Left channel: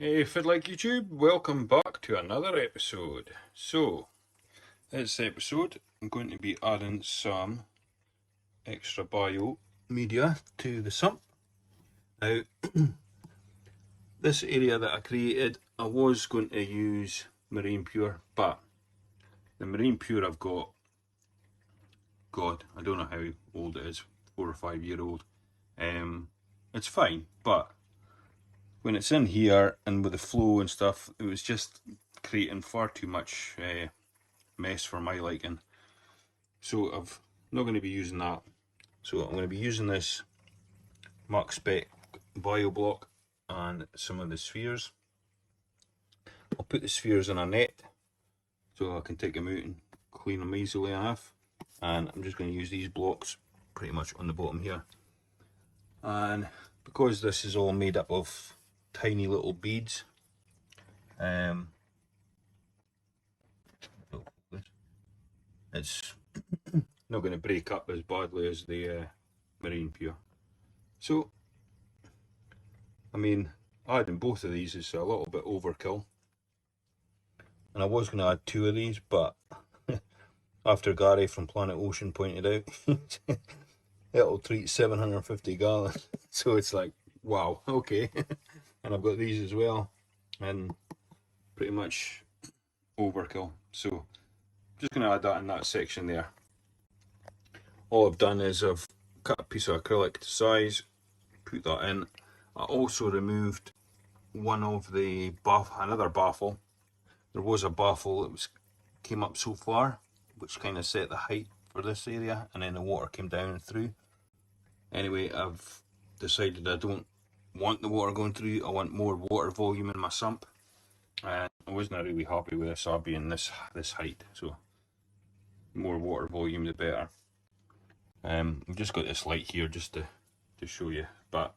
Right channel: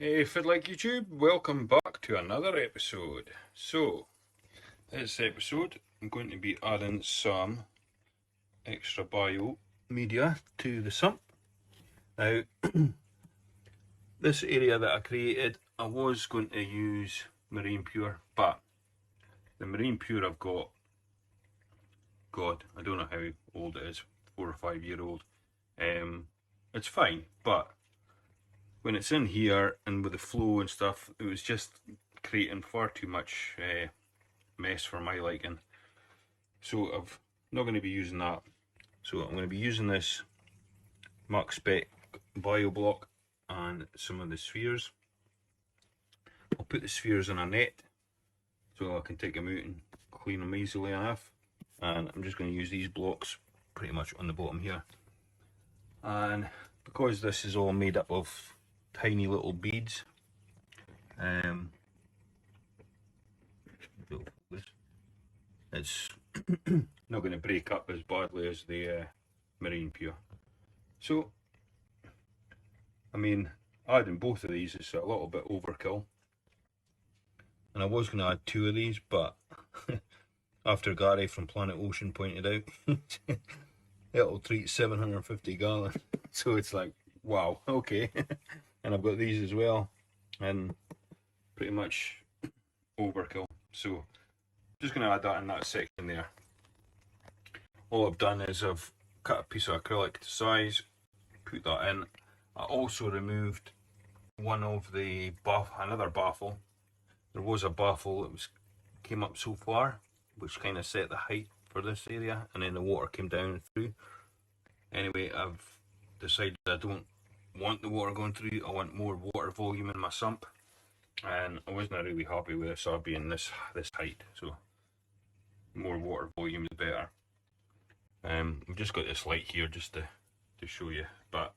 Hey, if like YouTube, welcome back to another episode. So, this episode, I'm going to be adding some extra bio media to the sump. Now, this area that I created, I was going to use Marine Pure, but the Marine Pure I've got, God, I don't know how old it is, 4 or 5 year old. It's fine, but when it's in here and with the flow and stuff, it was just creating far too much mess for my liking. So I'm not going to be using that. So I'm going to be using this Maxspect bio block and some of the spheres. I'll put the spheres in a net so I can take them out and clean them easily enough. And I'm just going to use these blocks pretty much on the bottom here. And because this is all made up of tiny little beads, it's not going to break up as badly as the Marine Pure. So, I mean, adding both of these is a little bit overkill. And I was going to add 2 of these, but after Gary from Planet Ocean pointed out, it'll treat 750 gallons. So it's like, wow, okay. And I've got these as well, and pretty much overkill. So just going to add that in that section there. All I've done is I've cut a piece of acrylic to size, put that in. I also removed one of the another baffle. There was a baffle that came up so far, which kind of set the height for this area, and then the water came down through. Anyway, I've decided I don't want the water going through. I want more water volume in my sump, and I wasn't really happy with this being this height. So more water volume the better. We've just got this light here just to show you, but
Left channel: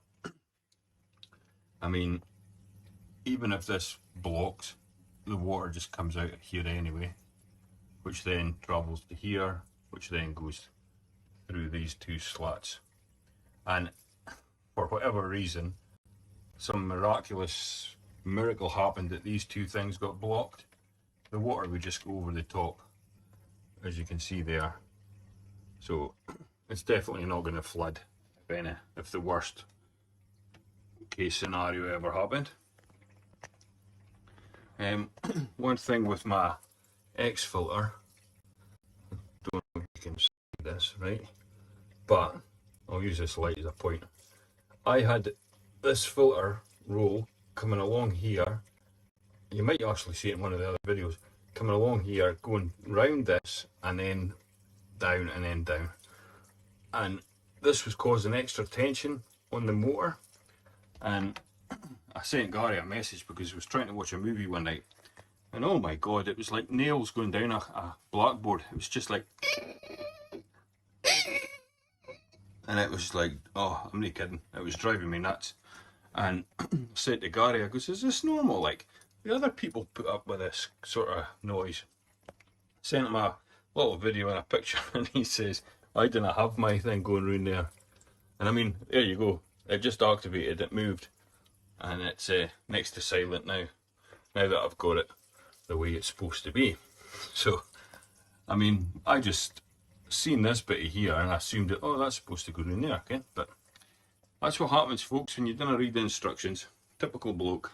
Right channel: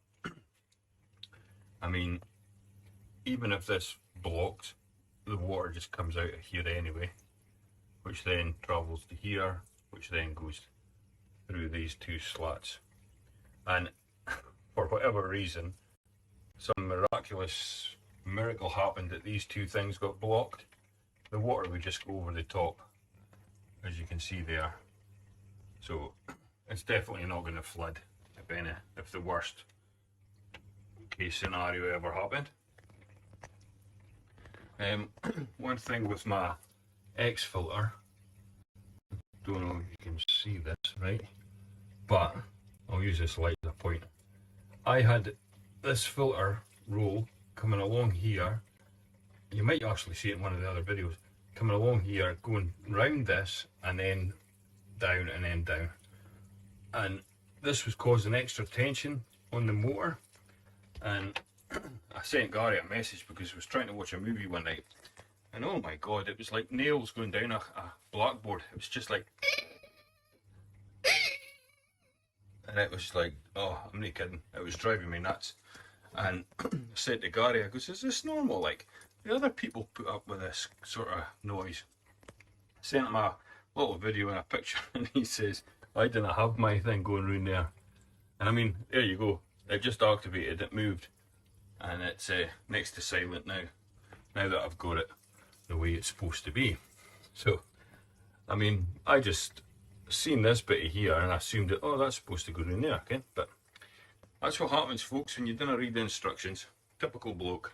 I mean, even if this blocks, the water just comes out of here anyway, which then travels to here, which then goes through these 2 slats. And for whatever reason, some miraculous miracle happened that these 2 things got blocked. The water would just go over the top, as you can see there. So it's definitely not going to flood if the worst case scenario ever happened. One thing with my X filter, I don't know if you can see this, right? But I'll use this light as a pointer. I had this filter roll coming along here. You might actually see it in one of the other videos. Coming along here, going round this, and then down, and then down. And this was causing extra tension on the motor. And I sent Gary a message because I was trying to watch a movie one night. And oh my God, it was like nails going down a blackboard. It was just like... And it was like, oh, I'm not kidding. It was driving me nuts. And I said to Gary, I goes, is this normal? Like, the other people put up with this sort of noise. Sent him a little video and a picture, and he says, I didn't have my thing going round there. And I mean, there you go. It just activated, it moved. And it's next to silent now. Now that I've got it the way it's supposed to be. So, I mean, I just seen this bit here and I assumed that, oh, that's supposed to go in there, okay? But that's what happens, folks, when you don't read the instructions. Typical bloke.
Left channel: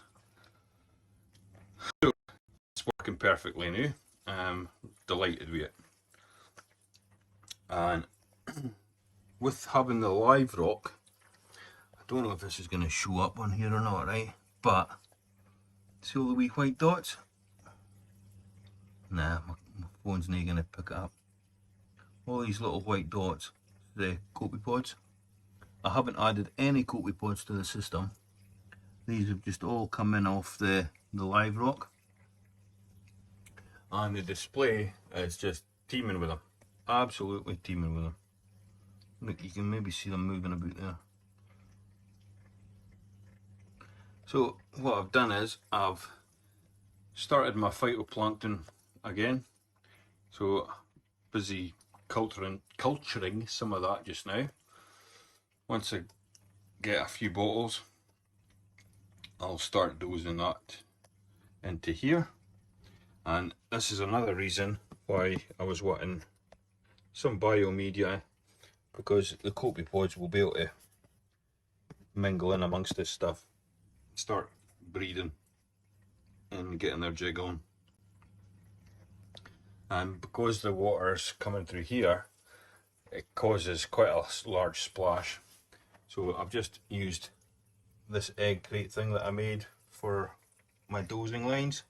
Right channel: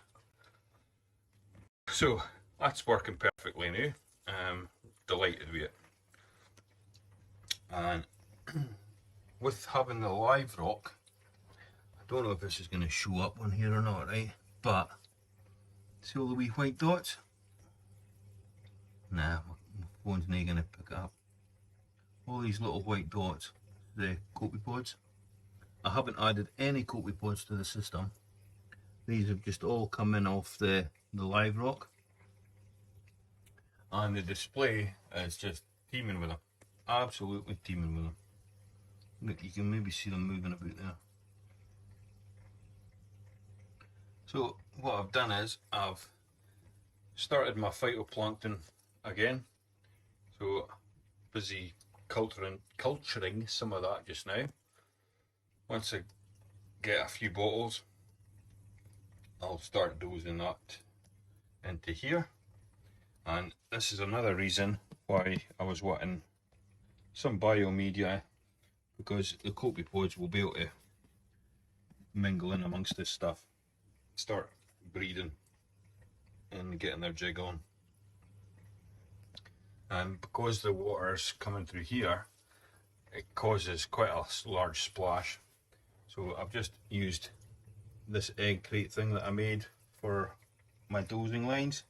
So that's working perfectly now. Delighted with it. And with having the live rock, I don't know if this is going to show up on here or not, right? But see all the wee white dots? Nah, my phone's not going to pick it up. All these little white dots, the copepods. I haven't added any copepods to the system. These have just all come in off the live rock. And the display is just teeming with them. Absolutely teeming with them. Look, you can maybe see them moving about there. So what I've done is I've started my phytoplankton again. So busy culturing some of that just now. Once I get a few bottles, I'll start dosing that into here. And this is another reason why I was wanting some biomedia, because the copepods will be able to mingle in amongst this stuff, start breeding and getting their jig on. And because the water's coming through here, it causes quite a large splash. So I've just used this egg crate thing that I made for my dosing lines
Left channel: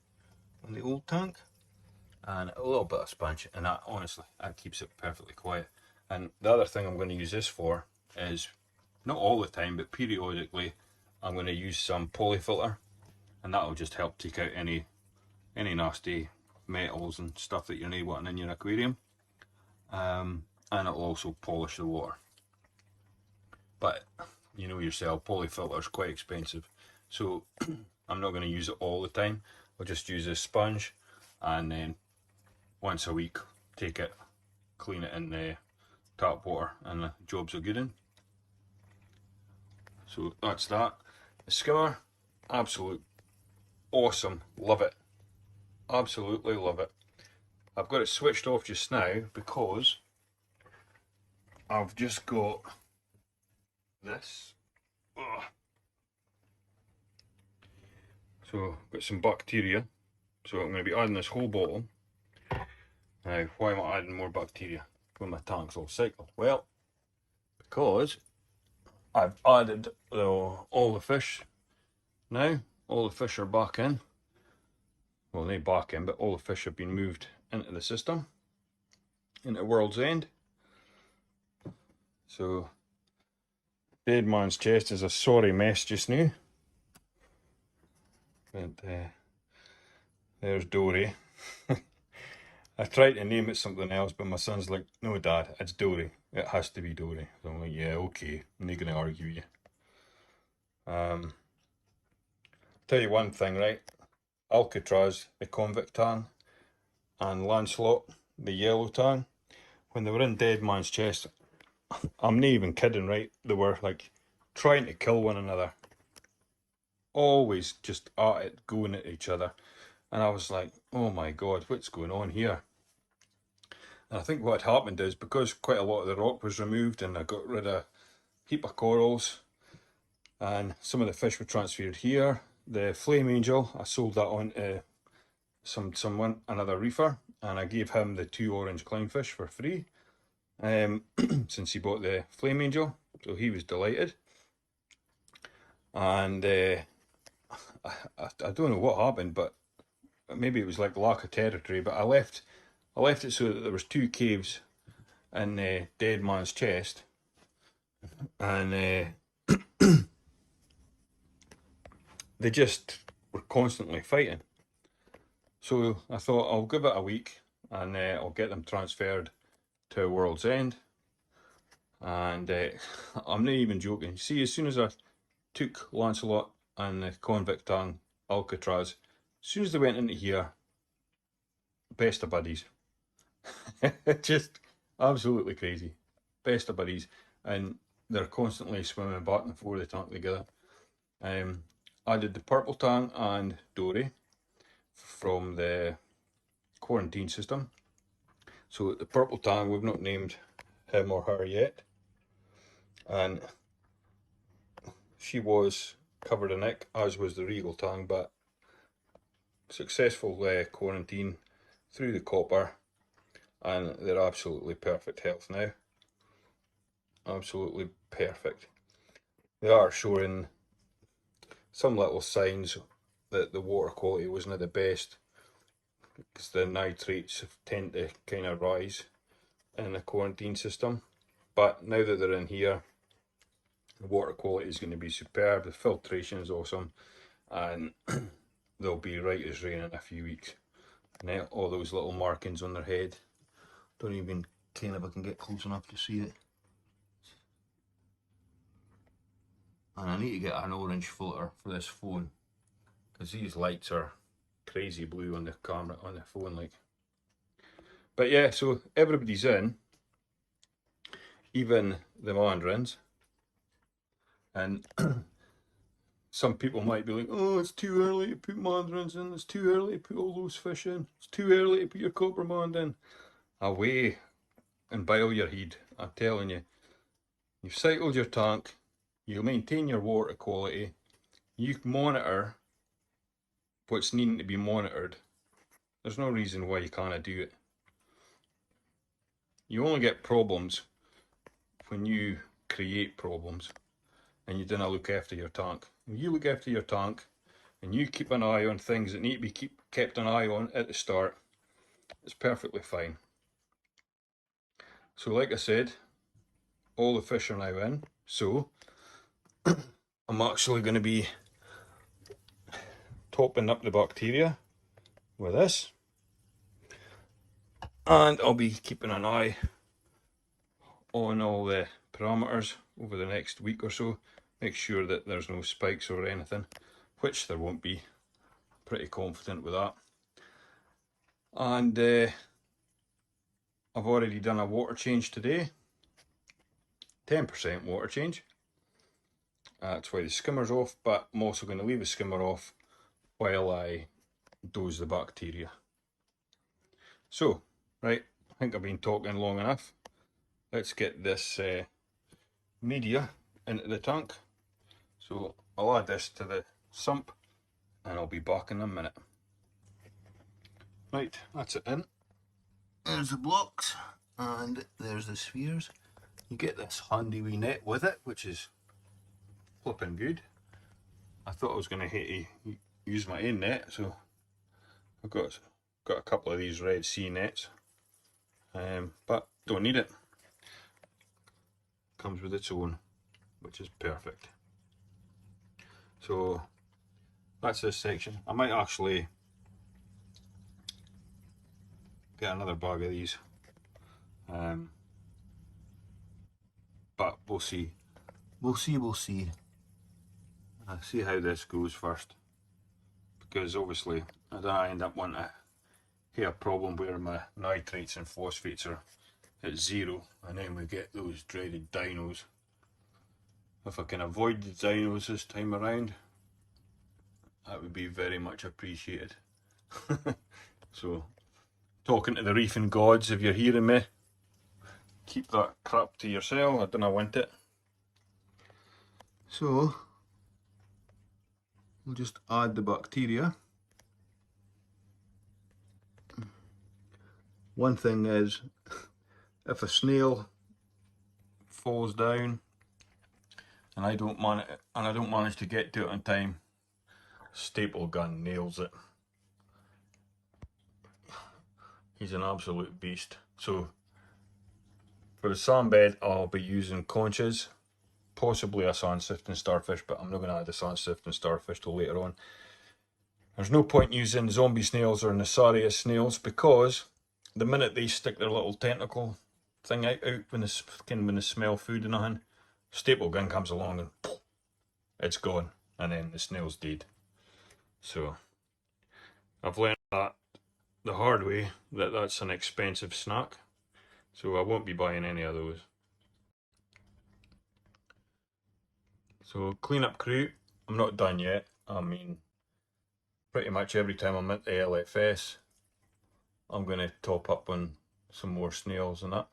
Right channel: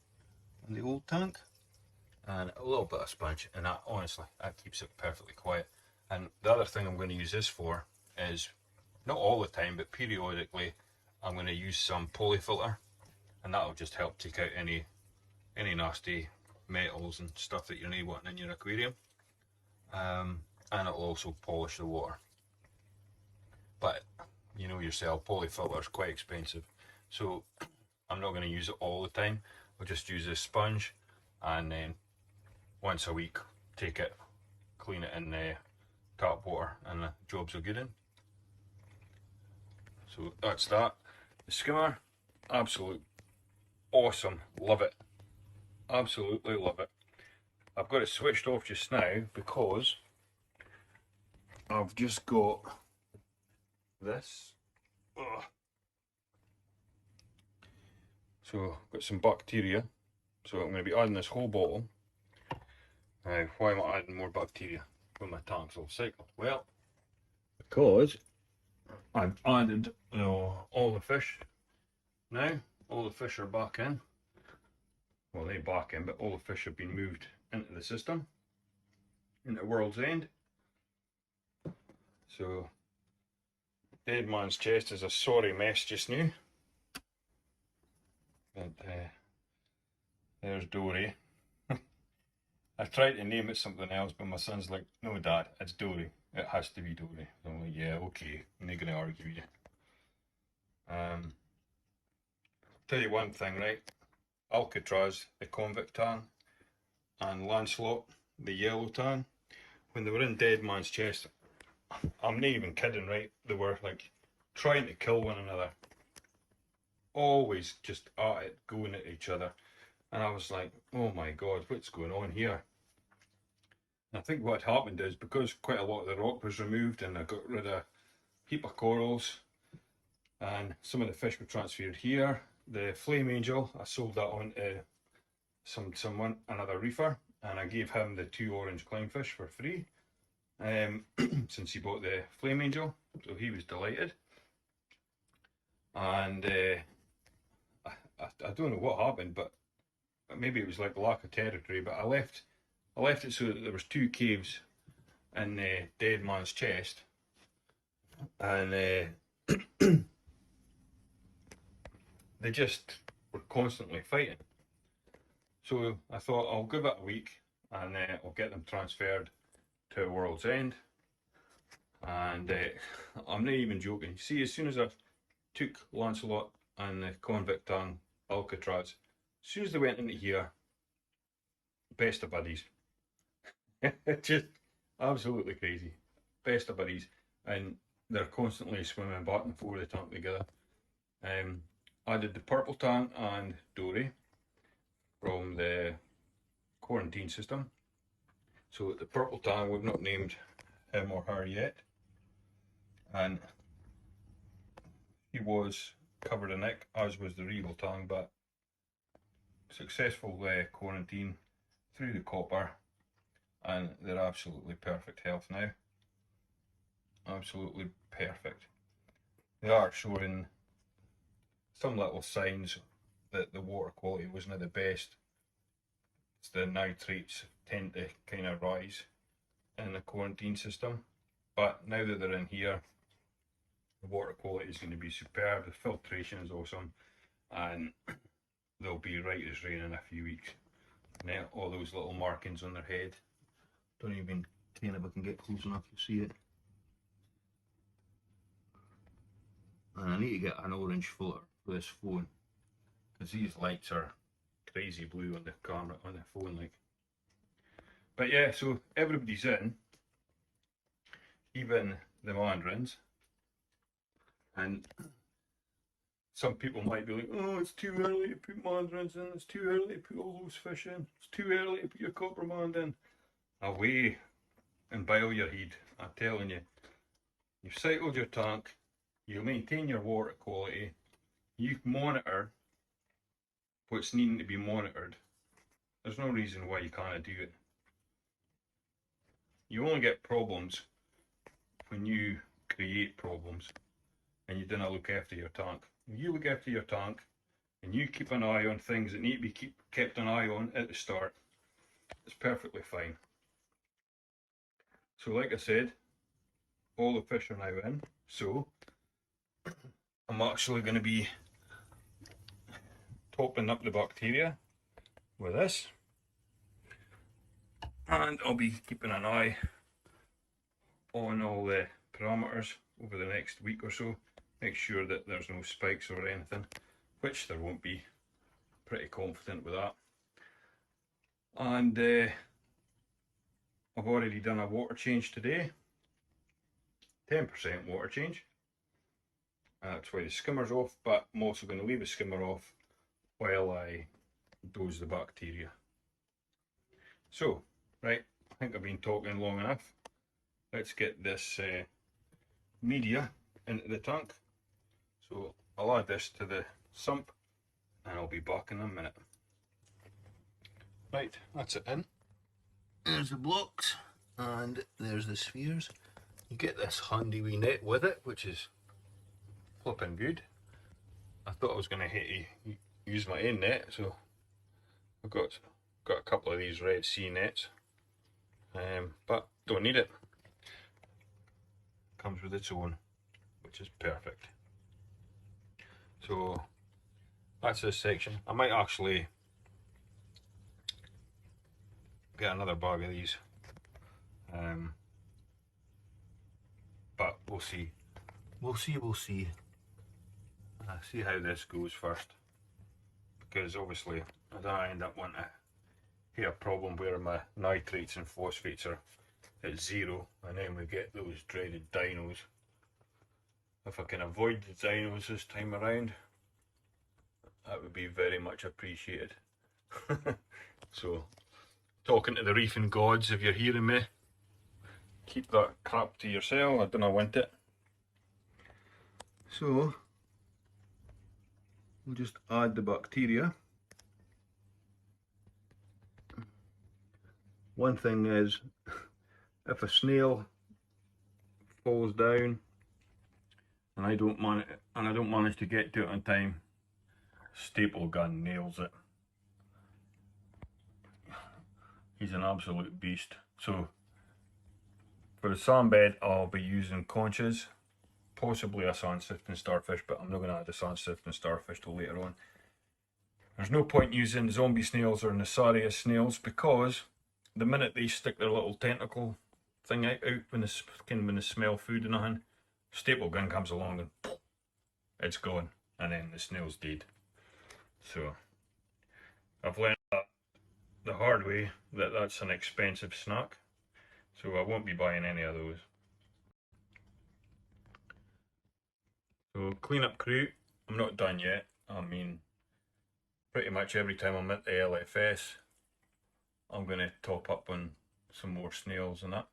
in the old tank, and a little bit of sponge, and that honestly, that keeps it perfectly quiet. And the other thing I'm going to use this for is, not all the time, but periodically, I'm going to use some polyfilter, and that'll just help take out any nasty metals and stuff that you're not wanting in your aquarium, and it'll also polish the water. But you know yourself, polyfilter is quite expensive, so I'm not going to use it all the time. I'll just use this sponge, and then once a week take it, clean it in the tap water, and the jobs are good in. So that's that. The skimmer, absolute awesome, love it, absolutely love it. I've got it switched off just now because I've just got this. Ugh. So I've got some bacteria, so I'm going to be adding this whole bottle. Now, why am I adding more bacteria when my tank's all cycled? Well, because I've added all the fish now. All the fish are back in. Well, they back in, but all the fish have been moved into the system, into World's End. So Dead Man's Chest is a sorry mess just now. But there's Dory. I tried to name it something else, but my son's like, no Dad, it's Dory. It has to be Dory. So I'm like, yeah, okay, I'm not going to argue with you. Tell you one thing, right? Alcatraz, the convict tan, and Lancelot, the yellow tan, when they were in Dead Man's Chest, I'm not even kidding, right? They were like trying to kill one another. Always just at it, going at each other. And I was like, oh my God, what's going on here? And I think what happened is, because quite a lot of the rock was removed and I got rid of a heap of corals, and some of the fish were transferred here. The flame angel, I sold that on to another reefer, and I gave him the 2 orange clownfish for free, since he bought the flame angel, so he was delighted. And I don't know what happened, but maybe it was like lack of territory, but I left it so that there was 2 caves in the Dead Man's Chest, and they just were constantly fighting. So I thought I'll give it a week, and I'll get them transferred to World's End. And I'm not even joking. See, as soon as I took Lancelot and the convict tan Alcatraz, as soon as they went into here, best of buddies. Just absolutely crazy. Best of buddies. And they're constantly swimming back and forth the tank together. I did the purple tang and Dory from the quarantine system. So the purple tang, we've not named him or her yet, and she was covered in ick, as was the regal tang, but successful quarantine through the copper, and they're absolutely perfect health now. Absolutely perfect. They are showing some little signs that the water quality wasn't the best, because the nitrates tend to kind of rise in the quarantine system. But now that they're in here, the water quality is going to be superb, the filtration is awesome, and they'll be right as rain in a few weeks. Now all those little markings on their head, don't even care if I can get close enough to see it. And I need to get an orange filter for this phone, because these lights are crazy blue on the camera, on the phone, like. But yeah, so everybody's in, even the mandarins, and some people might be like, oh, it's too early to put mandarins in, it's too early to put all those fish in, it's too early to put your coppermand in. Away and boil your head. I'm telling you, you've cycled your tank, you maintain your water quality, you monitor what's needing to be monitored. There's no reason why you can't do it. You only get problems when you create problems and you don't look after your tank. When you look after your tank and you keep an eye on things that need to be kept an eye on at the start, it's perfectly fine. So like I said, all the fish are now in, so I'm actually going to be topping up the bacteria with this, and I'll be keeping an eye on all the parameters over the next week or so, make sure that there's no spikes or anything, which there won't be. Pretty confident with that. And I've already done a water change today, 10% water change. That's why the skimmer's off, but I'm also going to leave the skimmer off while I dose the bacteria. So, right, I think I've been talking long enough. Let's get this media into the tank. So I'll add this to the sump and I'll be back in a minute. Right, that's it in. There's the blocks and there's the spheres. You get this handy wee net with it, which is flipping good. I thought I was going to hate to use my own net, so I've got a couple of these Red Sea nets, but don't need it. Comes with its own, which is perfect. So that's this section. I might actually get another bag of these, but we'll see. We'll see. See how this goes first, because obviously I don't end up wanting to hit a problem where my nitrates and phosphates are at 0, and then we get those dreaded dinos. If I can avoid the dinos this time around, that would be very much appreciated. So, talking to the reefing gods, if you're hearing me, keep that crap to yourself, I don't want it. So, we'll just add the bacteria. One thing is, if a snail falls down and I don't manage to get to it on time, staple gun nails it. He's an absolute beast. So for the sand bed, I'll be using conches, possibly a sand sifting starfish, but I'm not going to add the sand sifting starfish till later on. There's no point using zombie snails or Nassarius snails, because the minute they stick their little tentacle thing out when they smell food and nothing, staple gun comes along and poof, it's gone, and then the snail's dead. So I've learned that the hard way, that that's an expensive snack, so I won't be buying any of those. So cleanup crew, I'm not done yet. I mean, pretty much every time I'm at the LFS, I'm going to top up on some more snails and that.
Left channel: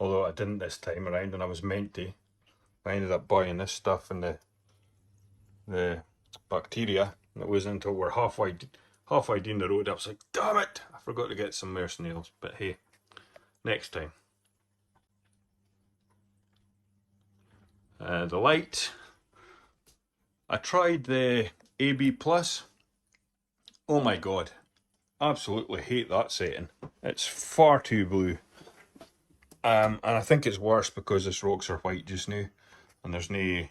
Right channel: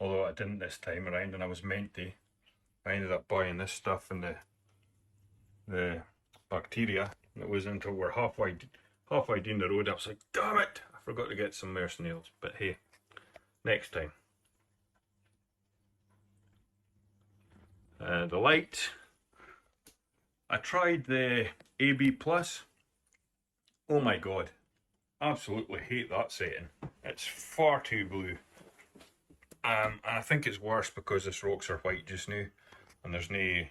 Although I didn't this time around, and I was meant to. I ended up buying this stuff and the bacteria. It wasn't until we're halfway down the road I was like, damn it, I forgot to get some more snails. But hey, next time. The light. I tried the AB Plus. Oh my god, absolutely hate that setting. It's far too blue. And I think it's worse because this rocks are white just now, and there's no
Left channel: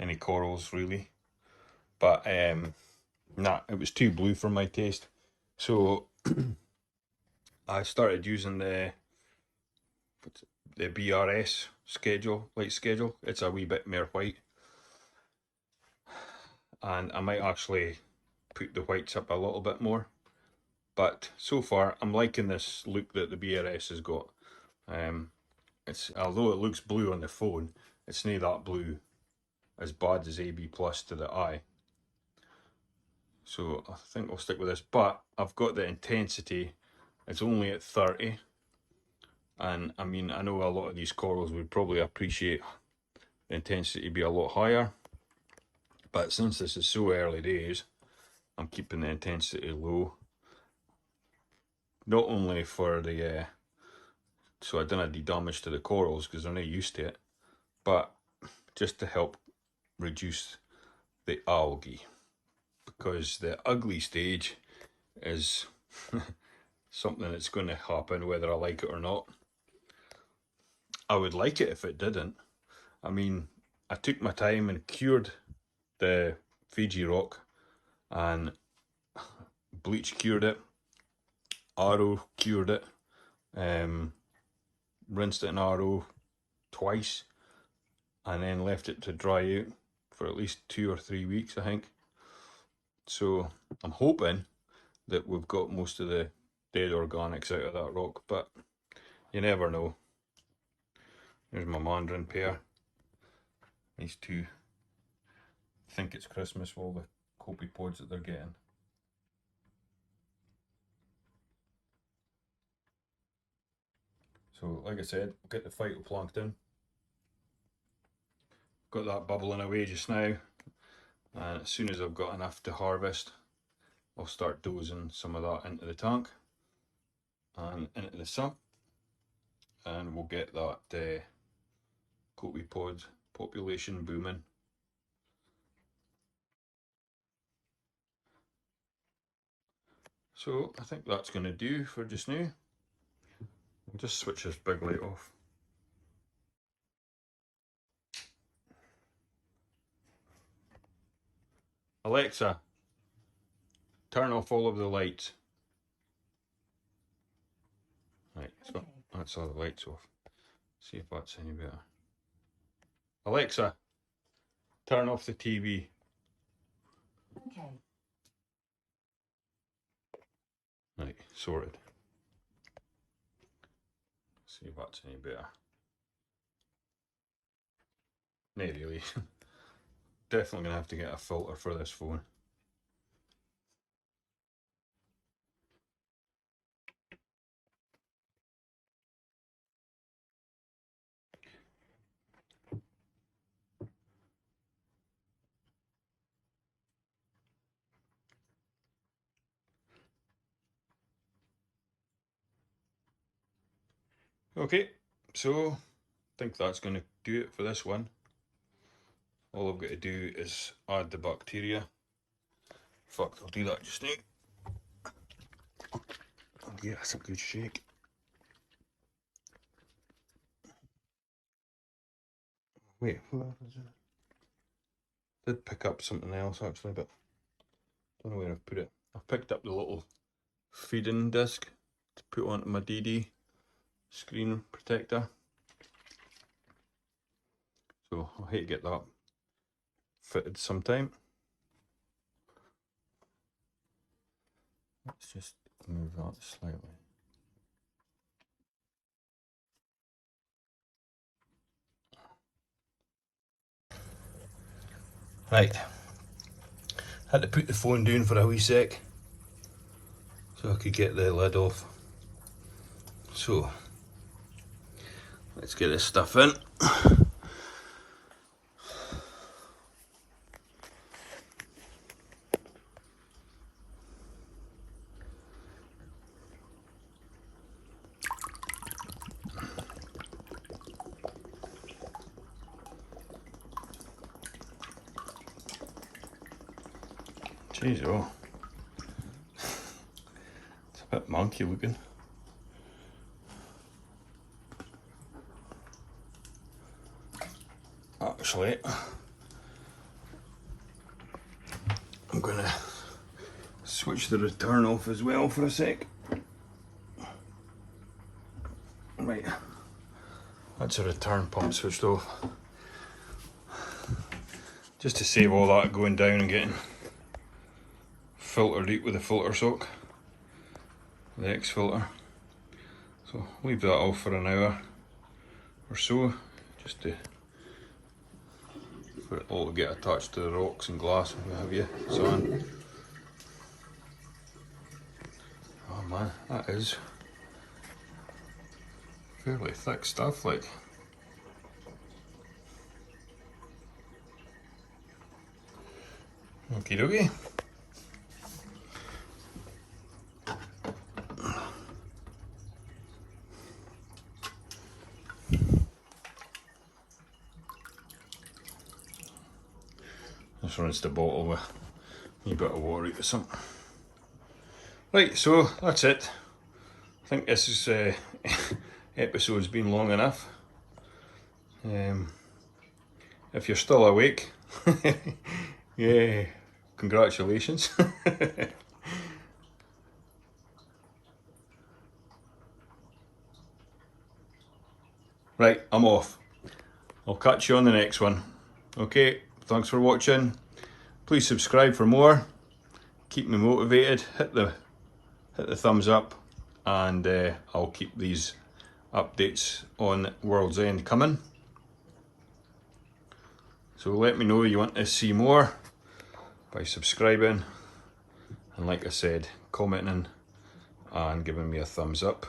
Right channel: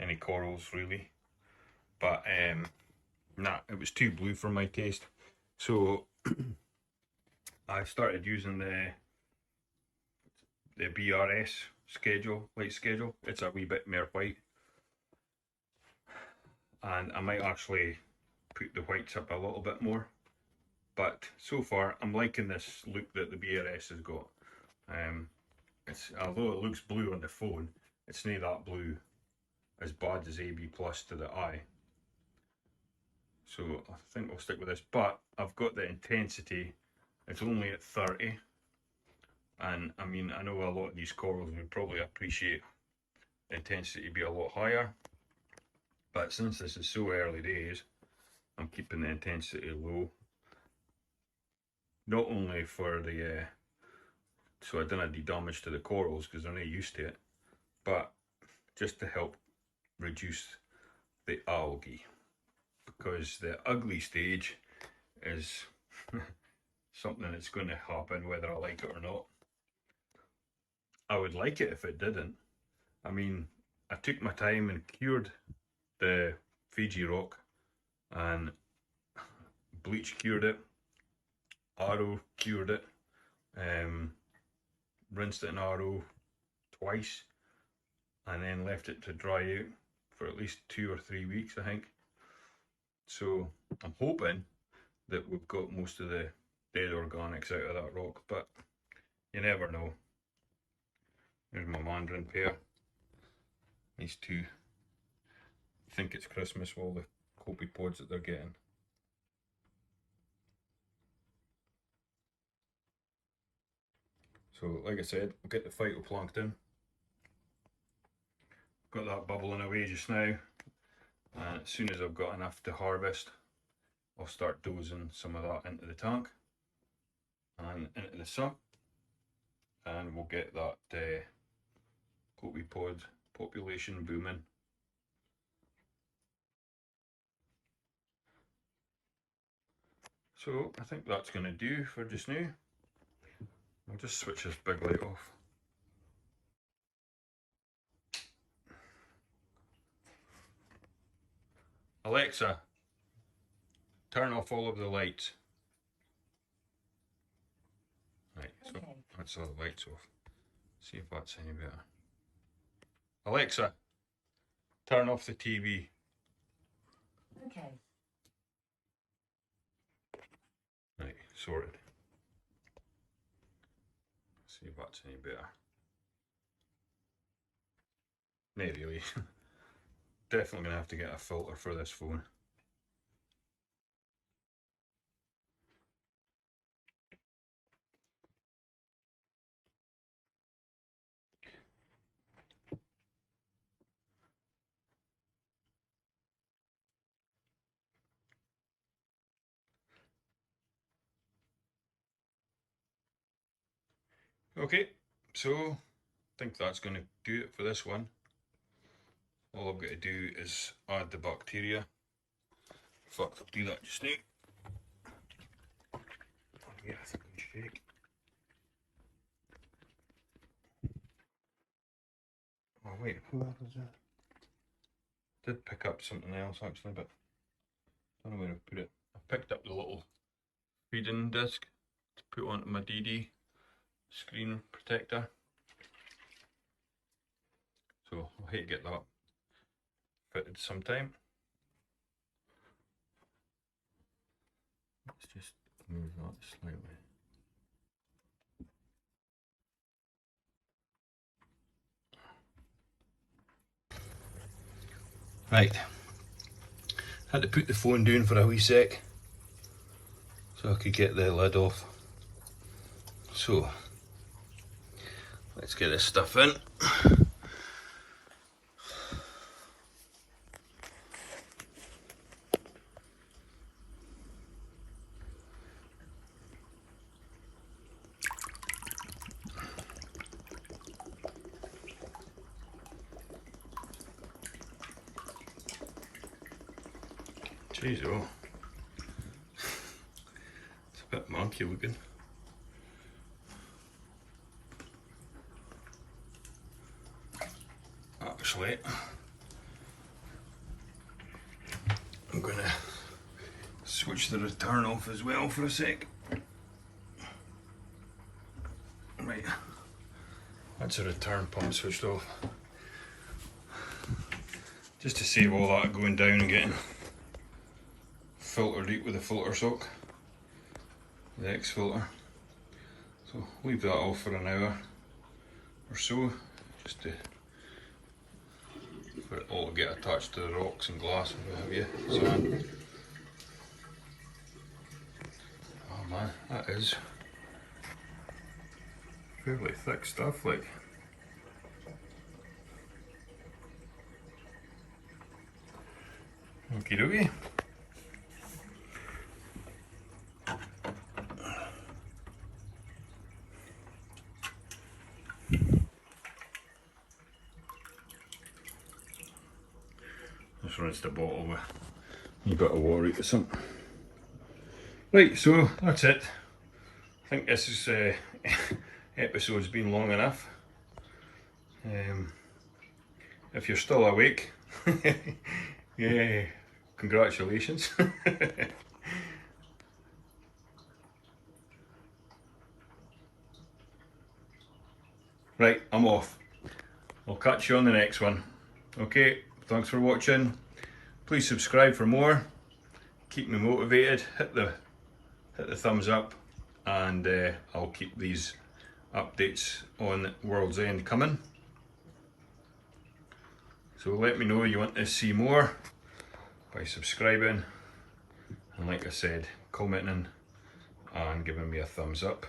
any corals really. But nah, it was too blue for my taste. So I started using the BRS light schedule. It's a wee bit more white, and I might actually put the whites up a little bit more. But so far, I'm liking this look that the BRS has got. Although it looks blue on the phone, it's not that blue as bad as AB plus to the eye. So I think I'll stick with this, but I've got the intensity, it's only at 30. And I mean, I know a lot of these corals would probably appreciate the intensity to be a lot higher, but since this is so early days, I'm keeping the intensity low. Not only for the, so I don't do damage to the corals because they're not used to it, but just to help reduce the algae. Because the ugly stage is something that's going to happen whether I like it or not. I would like it if it didn't. I mean, I took my time and cured the Fiji rock, and bleach cured it, RO cured it, rinsed it in RO twice, and then left it to dry out for at least 2 or 3 weeks, I think. So I'm hoping that we've got most of the dead organics out of that rock, but you never know. There's my mandarin pair. These two think it's Christmas with all the copepods that they're getting. So like I said, we'll get the phytoplankton. Got that bubbling away just now, and as soon as I've got enough to harvest, I'll start dosing some of that into the tank and into the sump, and we'll get that copepod population booming. So I think that's going to do for just now. I'll just switch this big light off. Alexa, turn off all of the lights. Right, so okay. That's all the lights off. See if that's any better. Alexa, turn off the TV. Okay. Right, sorted. See if that's any better. Not really. Definitely gonna have to get a filter for this phone. Okay, so I think that's going to do it for this one. All I've got to do is add the bacteria. In fact, I'll do that just now. I'll give this a good shake. Oh wait, where was it? Did pick up something else actually, but I don't know where I've put it. I've picked up the little feeding disc to put onto my DD screen protector. So I'll hate to get that fitted sometime. Let's just move that slightly. Right, had to put the phone down for a wee sec so I could get the lid off. So let's get this stuff in. Jeez, oh, it's a bit monkey looking. Actually, I'm gonna switch the return off as well for a sec. Right, that's a return pump switched off. Just to save all that going down and getting filtered out with the filter soak, the X filter. So leave that off for an hour or so, just to for it all to get attached to the rocks and glass and what have you. Sand. Oh man, that is fairly thick stuff, like. Okie dokie. Just rinse the bottle with a bit of water or something. Right, so that's it. I think this is episode's been long enough. If you're still awake, yeah, congratulations. Right, I'm off. I'll catch you on the next one. Okay, thanks for watching. Please subscribe for more. Keep me motivated. Hit the thumbs up, and I'll keep these updates on World's End coming. So let me know you want to see more by subscribing, and like I said, commenting and giving me a thumbs up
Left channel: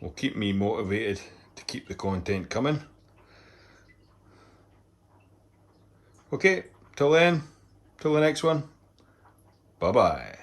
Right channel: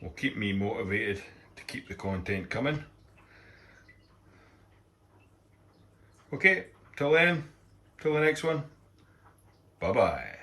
will keep me motivated to keep the content coming. Okay, till then, till the next one, bye bye.